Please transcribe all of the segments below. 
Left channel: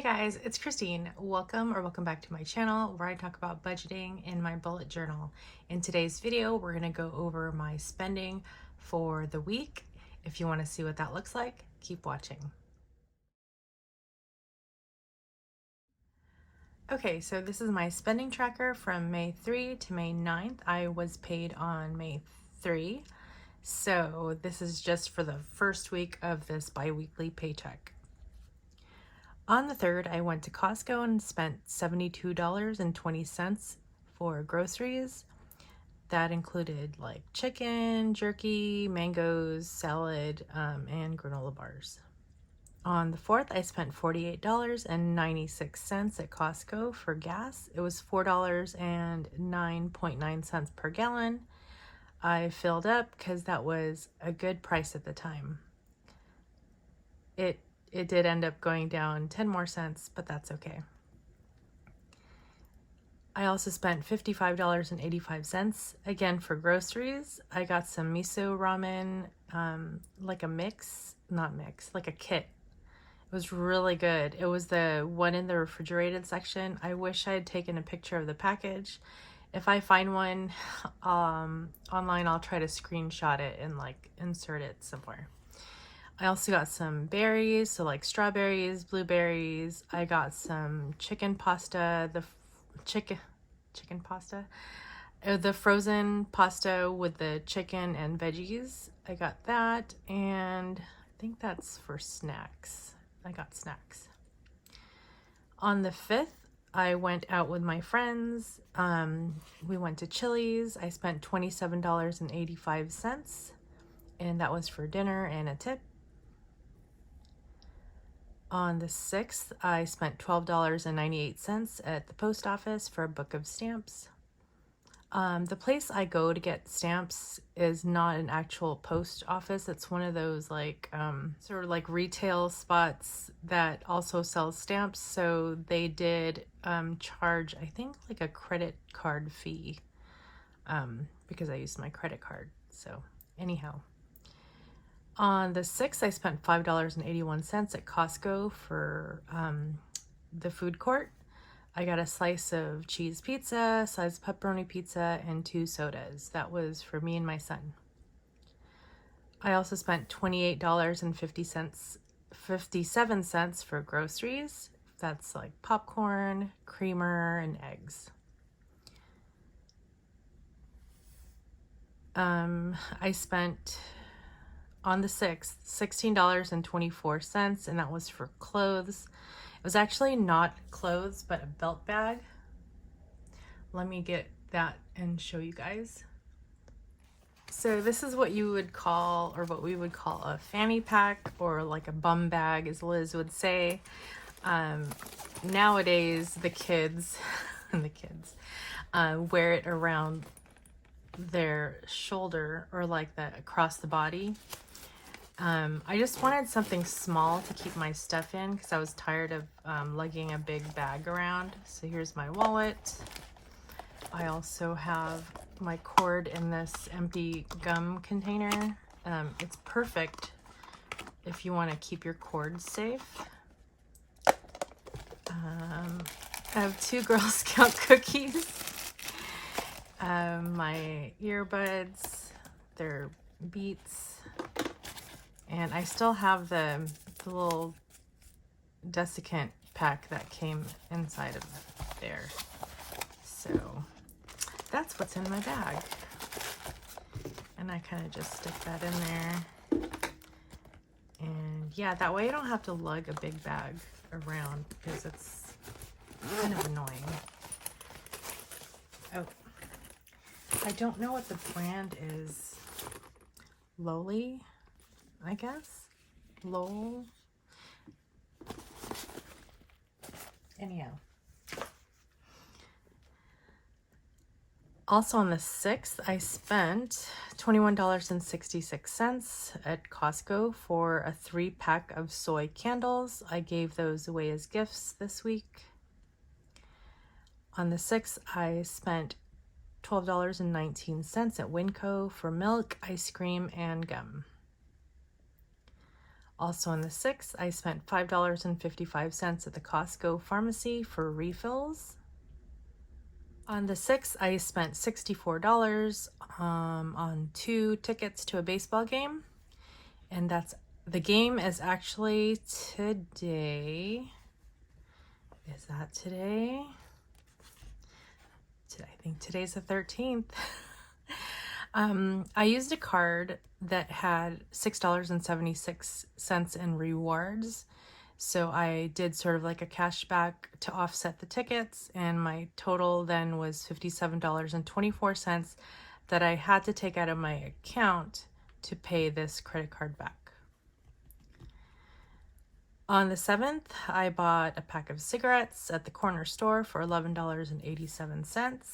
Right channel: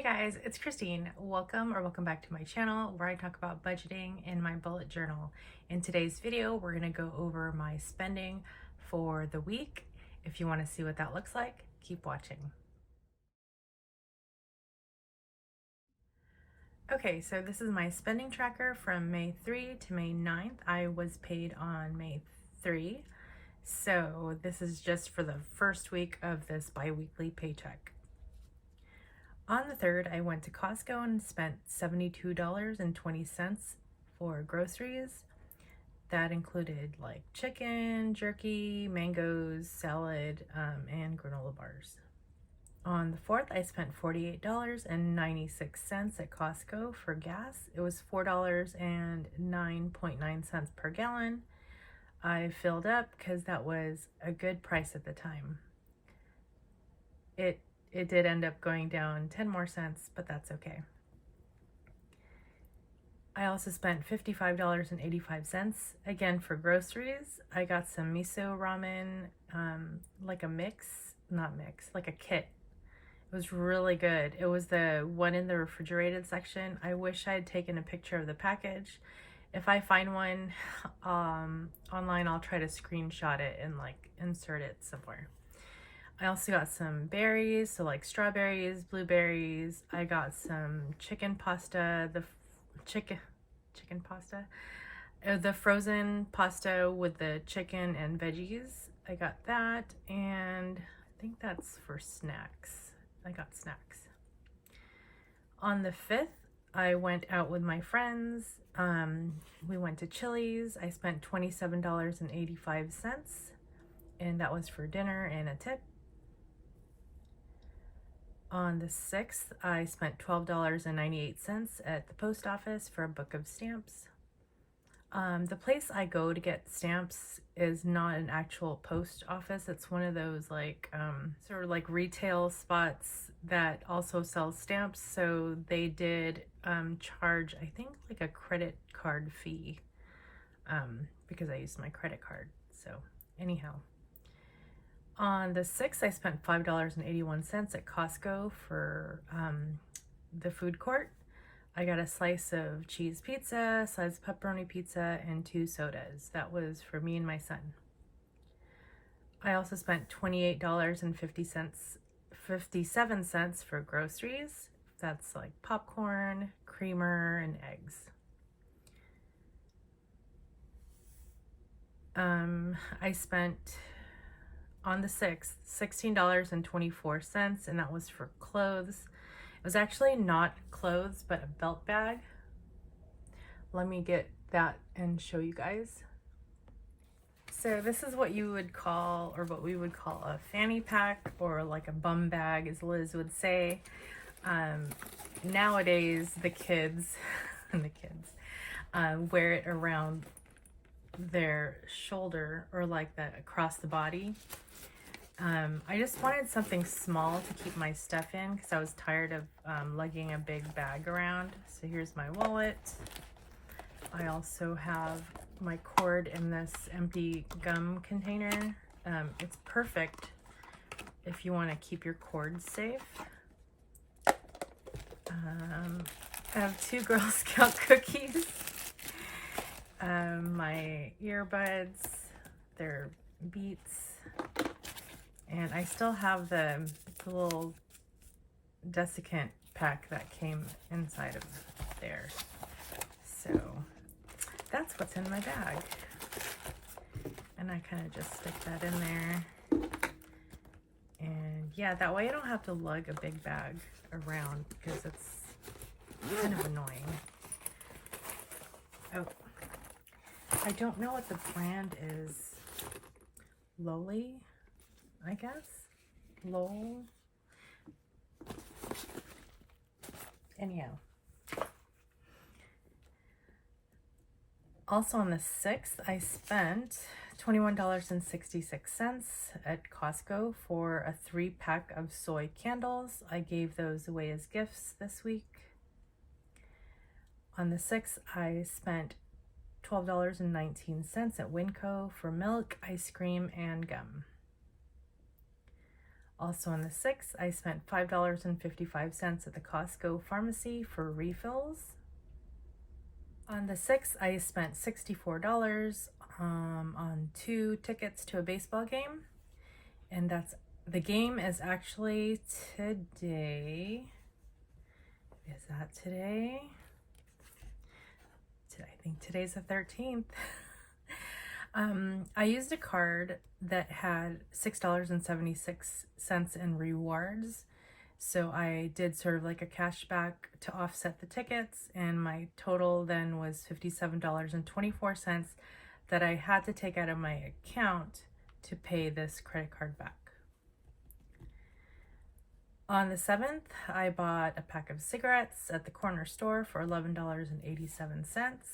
Hey guys, it's Christine. Welcome back to my channel where I talk about budgeting in my bullet journal. In today's video, we're going to go over my spending for the week. If you want to see what that looks like, keep watching. Okay, so this is my spending tracker from May 3 to May 9th. I was paid on May 3, so this is just for the first week of this bi-weekly paycheck. On the 3rd, I went to Costco and spent $72.20 for groceries. That included like chicken, jerky, mangoes, salad, and granola bars. On the 4th, I spent $48.96 at Costco for gas. It was $4.09.9 per gallon. I filled up because that was a good price at the time. It did end up going down 10 more cents, but that's okay. I also spent $55.85 again for groceries. I got some miso ramen, like a mix, not mix, like a kit. It was really good. It was the one in the refrigerated section. I wish I had taken a picture of the package. If I find one online, I'll try to screenshot it and like insert it somewhere. I also got some berries, so like strawberries, blueberries. I got some chicken pasta, the frozen pasta with the chicken and veggies. I got that, and I think that's for snacks. I got snacks. On the 5th, I went out with my friends. We went to Chili's. I spent $27.85, and that was for dinner and a tip. On the 6th, I spent $12.98 at the post office for a book of stamps. The place I go to get stamps is not an actual post office. It's one of those like sort of like retail spots that also sells stamps. So they did charge, I think, like a credit card fee because I used my credit card. So anyhow. On the 6th, I spent $5.81 at Costco for the food court. I got a slice of cheese pizza, a slice of pepperoni pizza, and 2 sodas. That was for me and my son. I also spent $28.57 for groceries. That's like popcorn, creamer, and eggs. I spent on the 6th, $16.24, and that was for clothes. It was actually not clothes, but a belt bag. Let me get that and show you guys. So this is what you would call, or what we would call, a fanny pack, or like a bum bag, as Liz would say. Nowadays, the kids wear it around their shoulder, or like that across the body. I just wanted something small to keep my stuff in because I was tired of lugging a big bag around. So here's my wallet. I also have my cord in this empty gum container. It's perfect if you want to keep your cords safe. I have 2 Girl Scout cookies. My earbuds, they're Beats. And I still have the little desiccant pack that came inside of there. So that's what's in my bag. And I kind of just stick that in there. And yeah, that way I don't have to lug a big bag around because it's kind of annoying. Oh, I don't know what the brand is. Lowly, I guess. Lowell. Anyhow. Also on the 6th, I spent $21.66 at Costco for a 3-pack of soy candles. I gave those away as gifts this week. On the 6th, I spent $12.19 at Winco for milk, ice cream, and gum. Also on the 6th, I spent $5.55 at the Costco pharmacy for refills. On the 6th, I spent $64 on 2 tickets to a baseball game. And the game is actually today. Is that today? I think today's the 13th. I used a card that had $6.76 in rewards. So I did sort of like a cashback to offset the tickets, and my total then was $57.24 that I had to take out of my account to pay this credit card back. On the 7th, I bought a pack of cigarettes at the corner store for $11.87.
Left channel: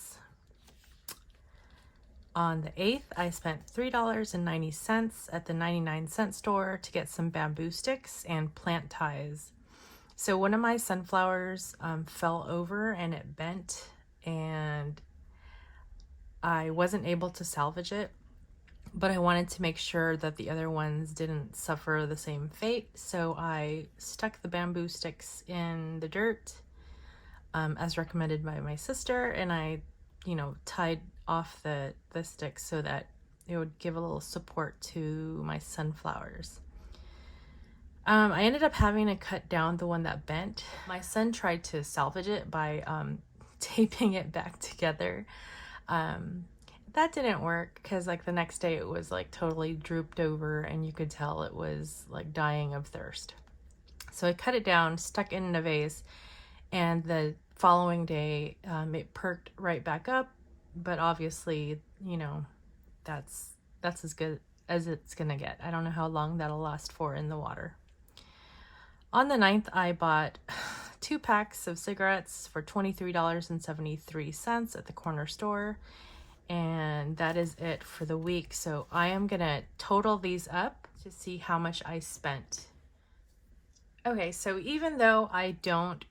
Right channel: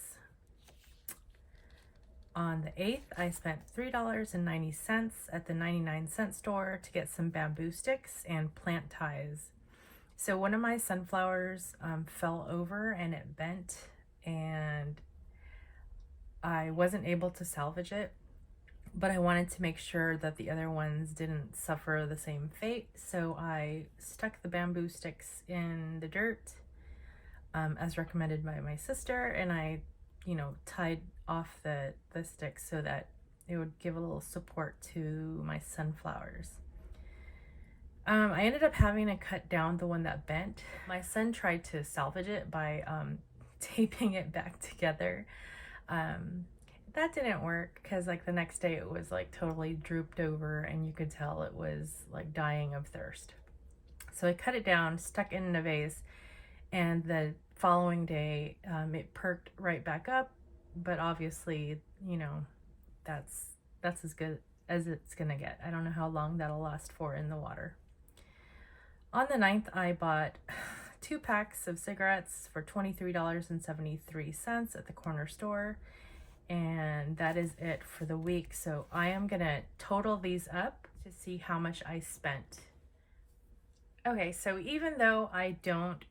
On the 8th, I spent $3.90 at the 99-cent store to get some bamboo sticks and plant ties. So one of my sunflowers fell over and it bent, and I wasn't able to salvage it, but I wanted to make sure that the other ones didn't suffer the same fate. So I stuck the bamboo sticks in the dirt as recommended by my sister, and I tied off the sticks so that it would give a little support to my sunflowers. I ended up having to cut down the one that bent. My son tried to salvage it by taping it back together. That didn't work because like the next day it was like totally drooped over and you could tell it was like dying of thirst. So I cut it down, stuck it in a vase, and the following day it perked right back up. But obviously, that's as good as it's gonna get. I don't know how long that'll last for in the water. On the 9th, I bought 2 packs of cigarettes for $23.73 at the corner store. And that is it for the week. So I am gonna total these up to see how much I spent. Okay, so even though I don't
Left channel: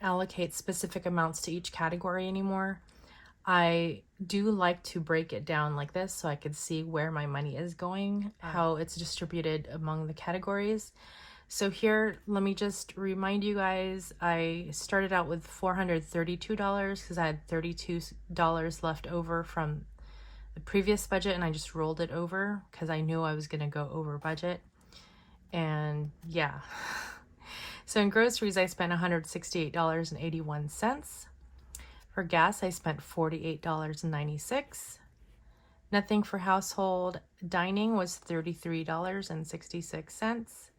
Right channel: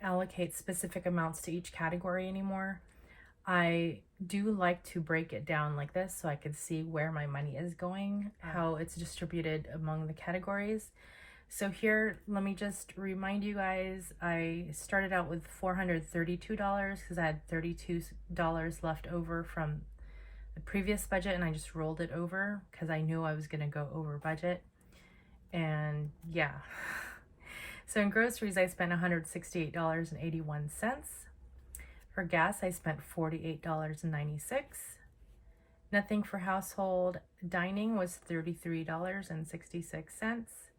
allocate specific amounts to each category anymore, I do like to break it down like this so I could see where my money is going, how it's distributed among the categories. So here, let me just remind you guys, I started out with $432 because I had $32 left over from the previous budget, and I just rolled it over because I knew I was going to go over budget. And yeah. So in groceries, I spent $168.81. For gas, I spent $48.96. Nothing for household dining was $33.66.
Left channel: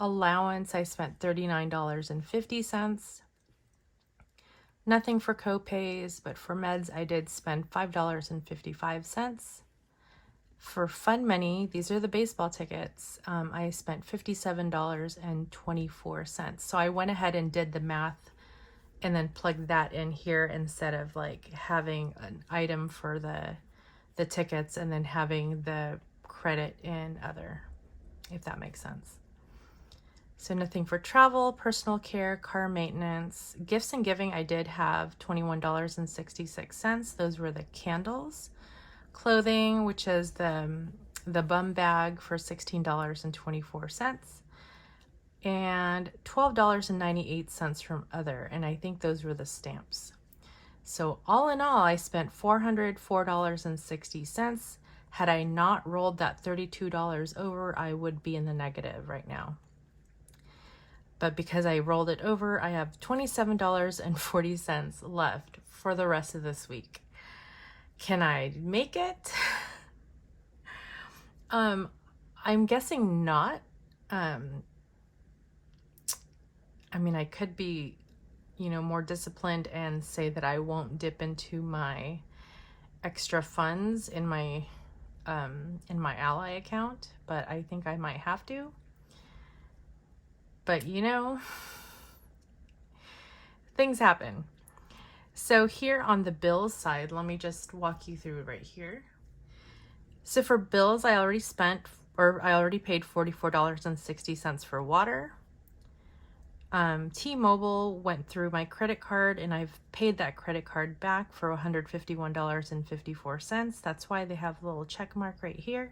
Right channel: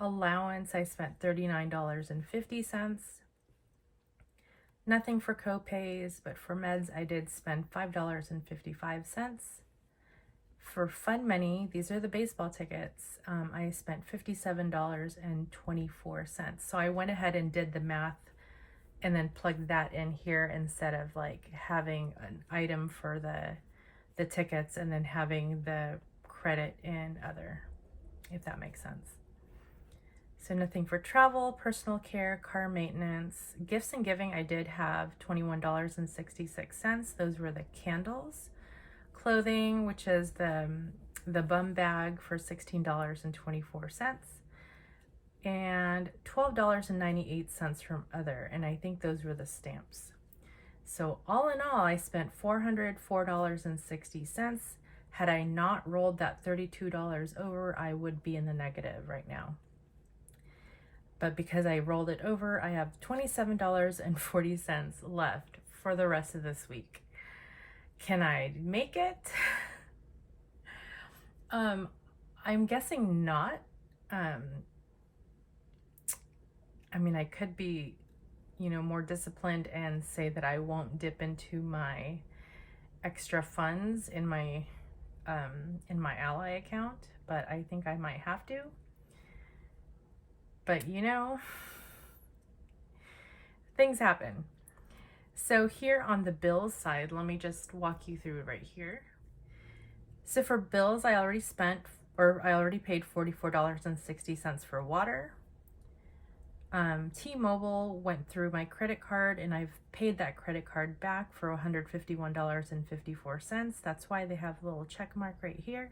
Allowance, I spent $39.50. Nothing for co-pays, but for meds, I did spend $5.55. For fun money, these are the baseball tickets. I spent $57.24. So I went ahead and did the math and then plugged that in here instead of like having an item for the tickets and then having the credit in other, if that makes sense. So nothing for travel, personal care, car maintenance. Gifts and giving, I did have $21.66. Those were the candles. Clothing, which is the bum bag for $16.24. And $12.98 from other, and I think those were the stamps. So all in all, I spent $404.60. Had I not rolled that $32 over, I would be in the negative right now. But because I rolled it over, I have $27.40 left for the rest of this week. Can I make it? I'm guessing not. I mean, I could be, more disciplined and say that I won't dip into my extra funds in my Ally account, but I think I might have to. But things happen. So here on the bills side, let me just walk you through it right here. So for bills, I already paid $44.60 for water. T-Mobile went through my credit card, and I've paid that credit card back for $151.54. That's why they have a little check mark right here.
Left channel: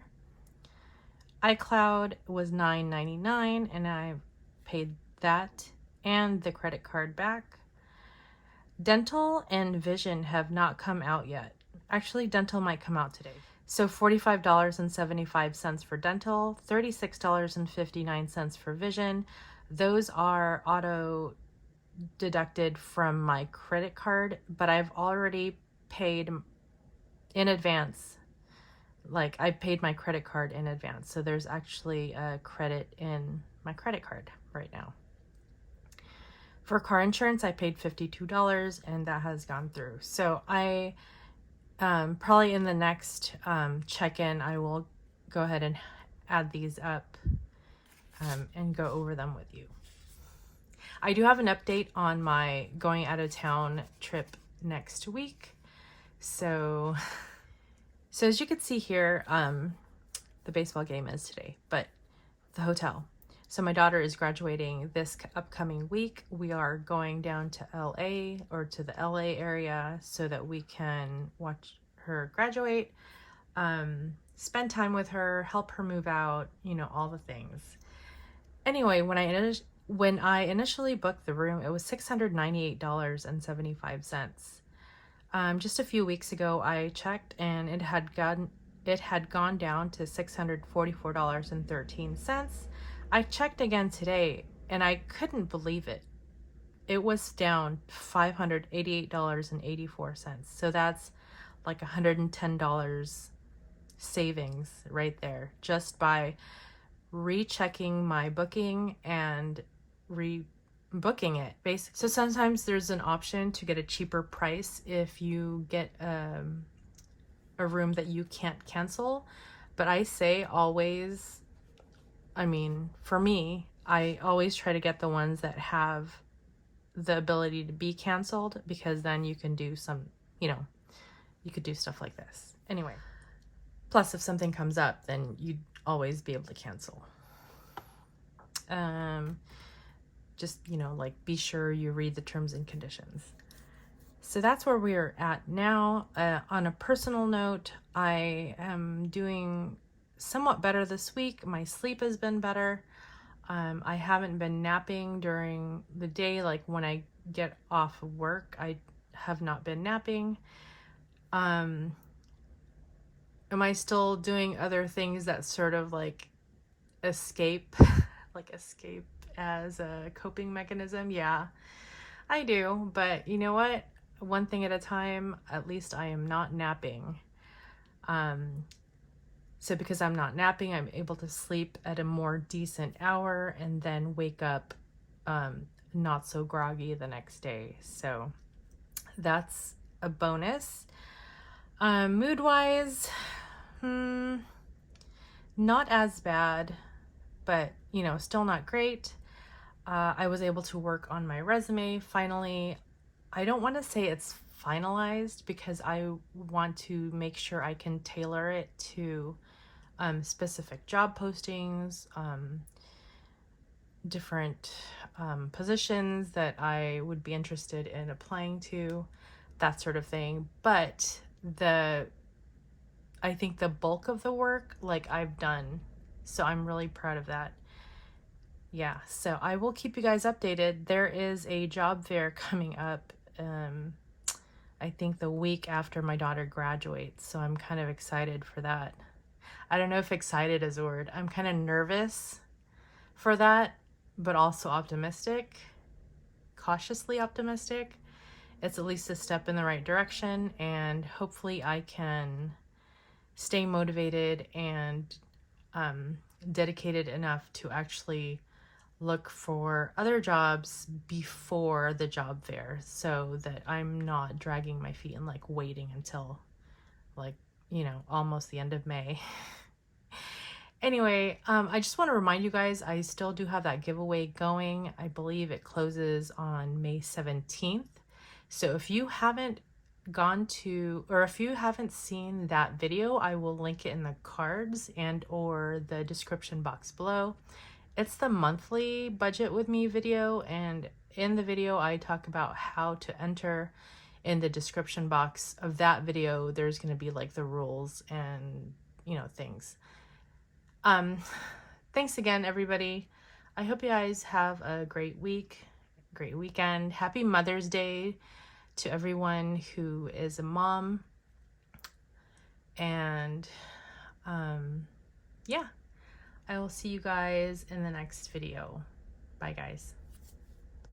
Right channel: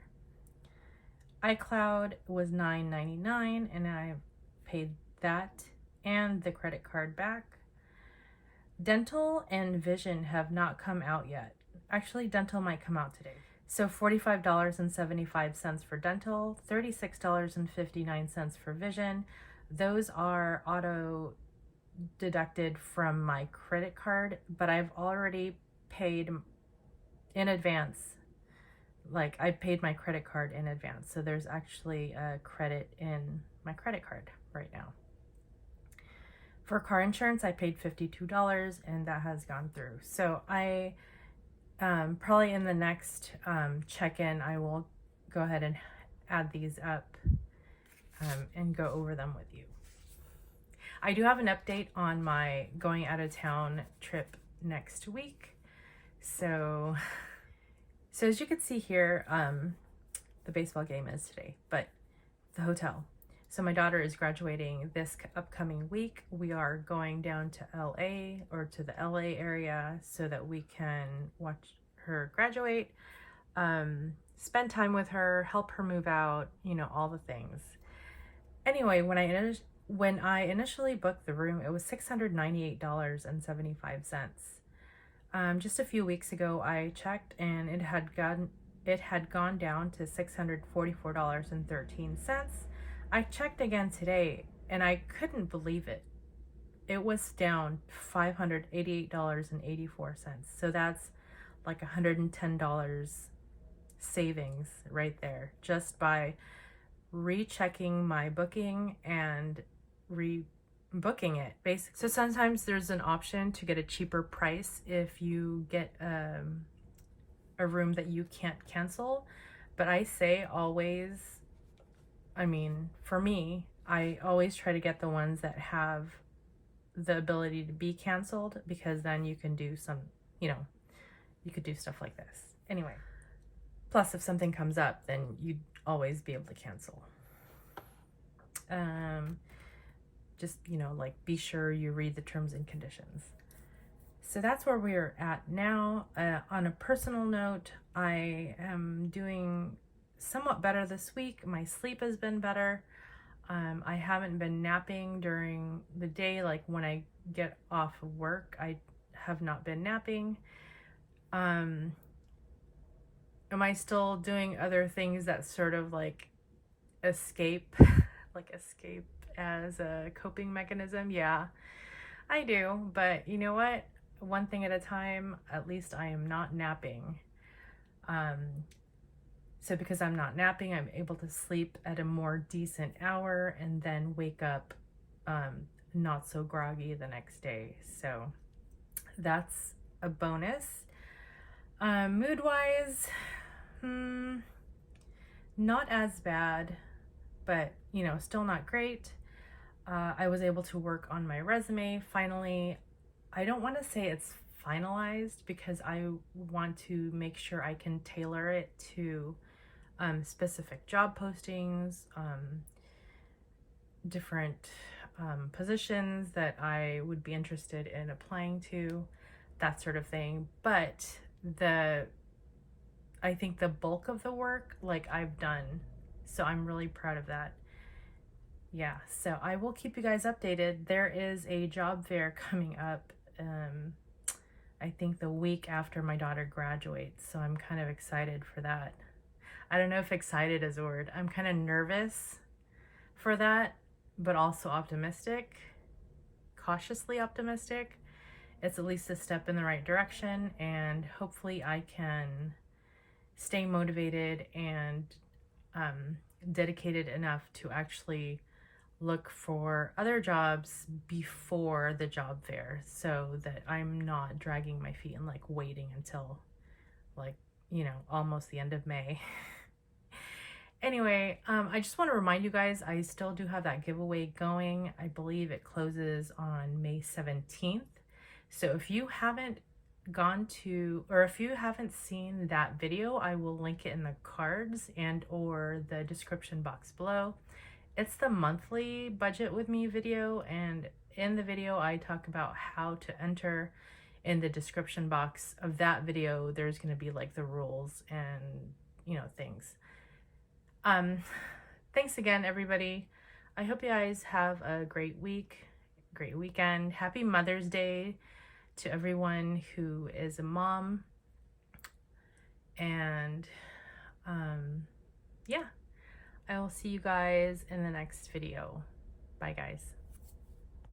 iCloud was $9.99 and I paid that and the credit card back. Dental and vision have not come out yet. Actually, dental might come out today. So $45.75 for dental, $36.59 for vision. Those are auto deducted from my credit card, but I've already paid in advance. Like, I paid my credit card in advance. So there's actually a credit in my credit card right now. For car insurance, I paid $52 and that has gone through. So I probably in the next check-in, I will go ahead and add these up and go over them with you. I do have an update on my going out of town trip next week. So as you can see here, the baseball game is today, but the hotel. So my daughter is graduating this upcoming week. We are going down to LA or to the LA area so that we can watch her graduate, spend time with her, help her move out, you know, all the things. Anyway, when I initially booked the room, it was $698.75. Just a few weeks ago, I checked and it had gone down to $644.13. I checked again today and I couldn't believe it. It was down $588.84. So that's like $110 savings right there just by rechecking my booking and rebooking it basically. So sometimes there's an option to get a cheaper price if you get a room that you can't cancel, but I say always, I mean, for me, I always try to get the ones that have the ability to be canceled, because then you can do some, you know, you could do stuff like this. Anyway, plus if something comes up, then you'd always be able to cancel. Just, you know, like, be sure you read the terms and conditions. So that's where we're at now. On a personal note, I am doing somewhat better this week. My sleep has been better. I haven't been napping during the day. Like when I get off of work, I have not been napping. Am I still doing other things that sort of like escape, escape as a coping mechanism? Yeah, I do. But you know what? One thing at a time. At least I am not napping. So because I'm not napping, I'm able to sleep at a more decent hour and then wake up not so groggy the next day. So that's a bonus. Mood-wise, not as bad, but, you know, still not great. I was able to work on my resume finally. I don't want to say it's finalized because I want to make sure I can tailor it to specific job postings, different positions that I would be interested in applying to, that sort of thing. But I think the bulk of the work, like, I've done, so I'm really proud of that. Yeah, so I will keep you guys updated. There is a job fair coming up, I think the week after my daughter graduates, so I'm kind of excited for that. I don't know if excited is a word. I'm kind of nervous for that, but also optimistic, cautiously optimistic. It's at least a step in the right direction, and hopefully I can stay motivated and dedicated enough to actually look for other jobs before the job fair, so that I'm not dragging my feet and like waiting until, like, you know, almost the end of May. Anyway, I just want to remind you guys, I still do have that giveaway going. I believe it closes on May 17th. So if you haven't gone to, or if you haven't seen that video, I will link it in the cards and or the description box below. It's the monthly budget with me video, and in the video I talk about how to enter. In the description box of that video, there's going to be like the rules and, you know, things. Thanks again, everybody. I hope you guys have a great week, great weekend. Happy Mother's Day to everyone who is a mom. And yeah, I will see you guys in the next video. Bye, guys.